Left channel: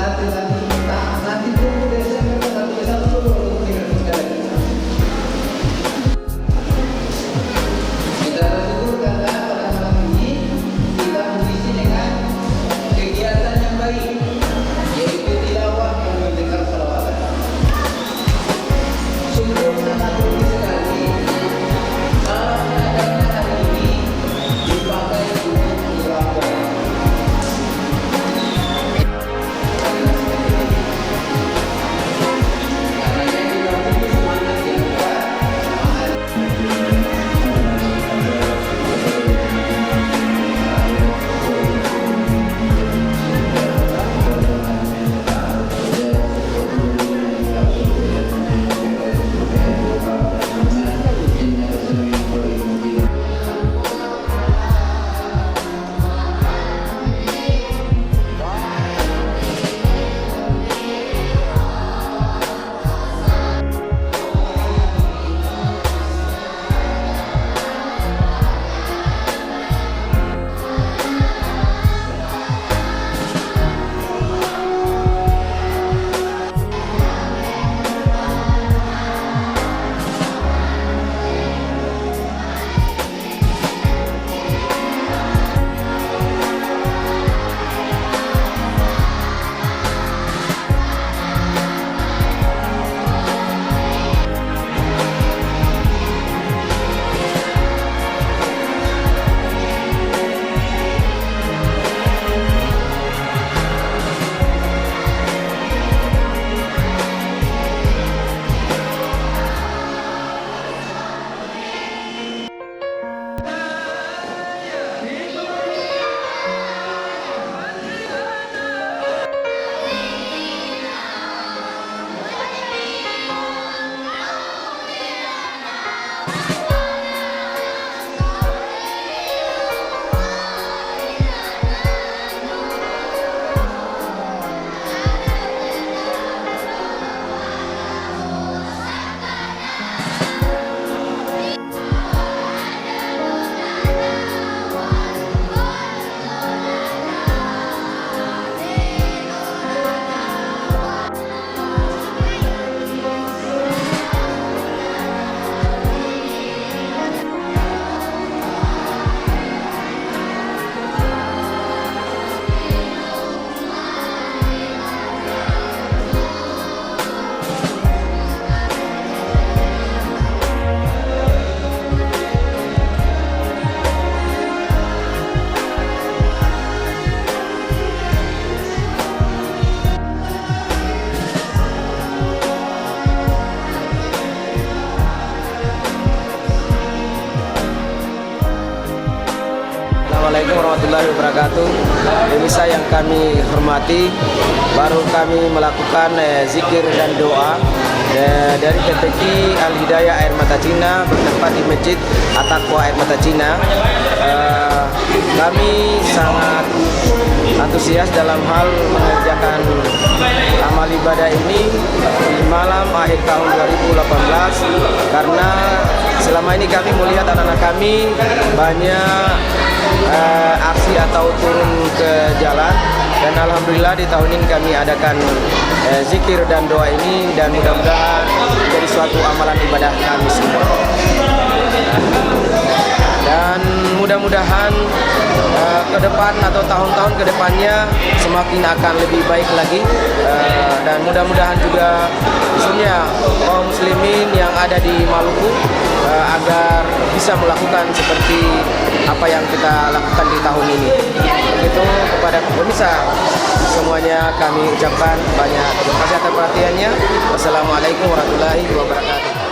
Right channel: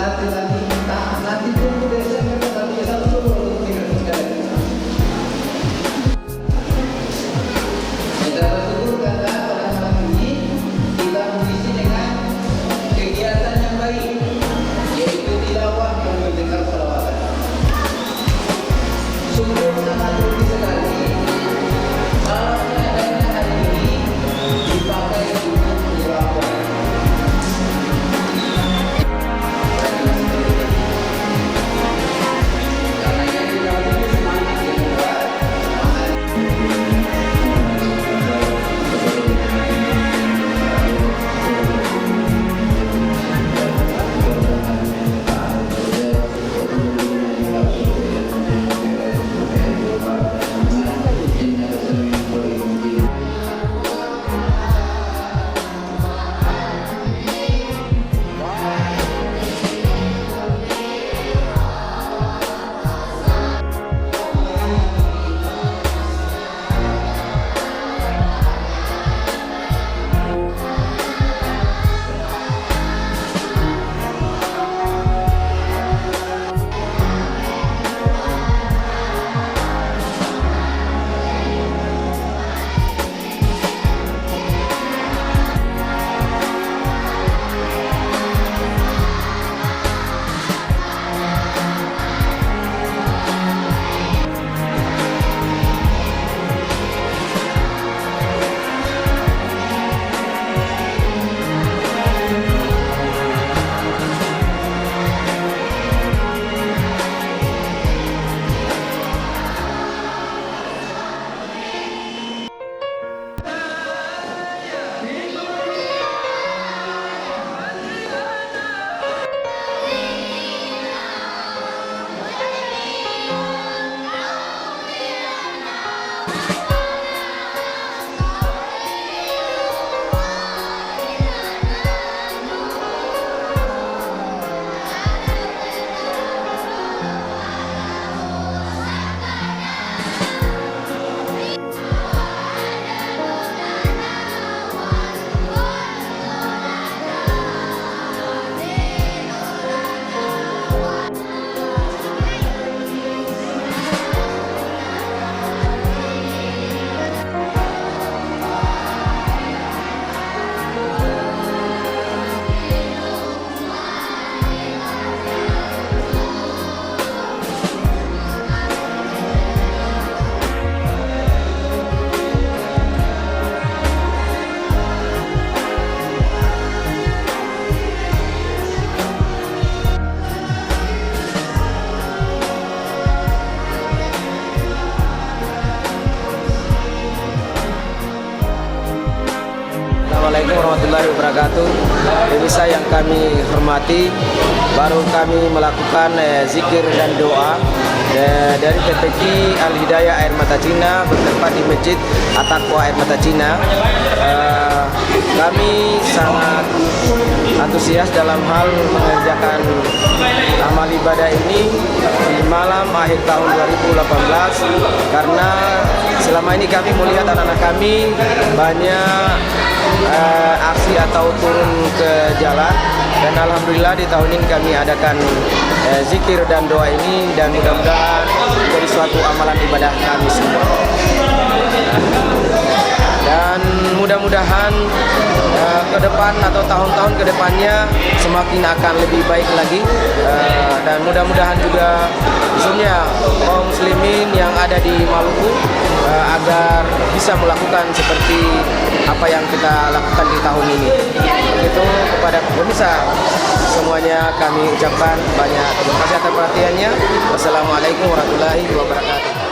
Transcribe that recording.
nanti tunggu Desember tanggal 31 dulu untuk diresmikan lagi. Kita bersyukur karena pada malam ini kita mengisi dengan kegiatan yang baik, yaitu tilawah dan mendengar salawat. Sungguh sangat rugi sekali kalau seadanya hari ini dipakai untuk tilawah. Karena yang tilawah itu semangat yang kuat, semangat. Assalamualaikum warahmatullahi wabarakatuh. Pemirsa yang kami hormati, baru kami melakukan zikir dan doa dari TPQ Al Hidayah Air Mata Cina bertempat di Masjid At-Taqwa Air Mata Cina. Kami sangat antusias dalam hal mengerjakan amal ibadah ini di malam akhir tahun 2018 karena selama ini kami melihat anak-anak kami banyak aksi atau turun ke jalan, dan alhamdulillah di tahun ini kami adakan zikir dan doa ini, dan mudah-mudahan menjadi suatu amalan ibadah kami semua. Dan mudah-mudahan ke depan atau tahun-tahun ke depannya semakin akan lebih baik lagi, dan mudah-mudahan juga khususnya kaum muslimin yang ada di Maluku agar bisa melakukan seperti apa yang kita lakukan di tahun ini. Begitu kepada pemirsa semuanya kami ucapkan banyak terima kasih atas perhatiannya. Wassalamualaikum warahmatullahi wabarakatuh.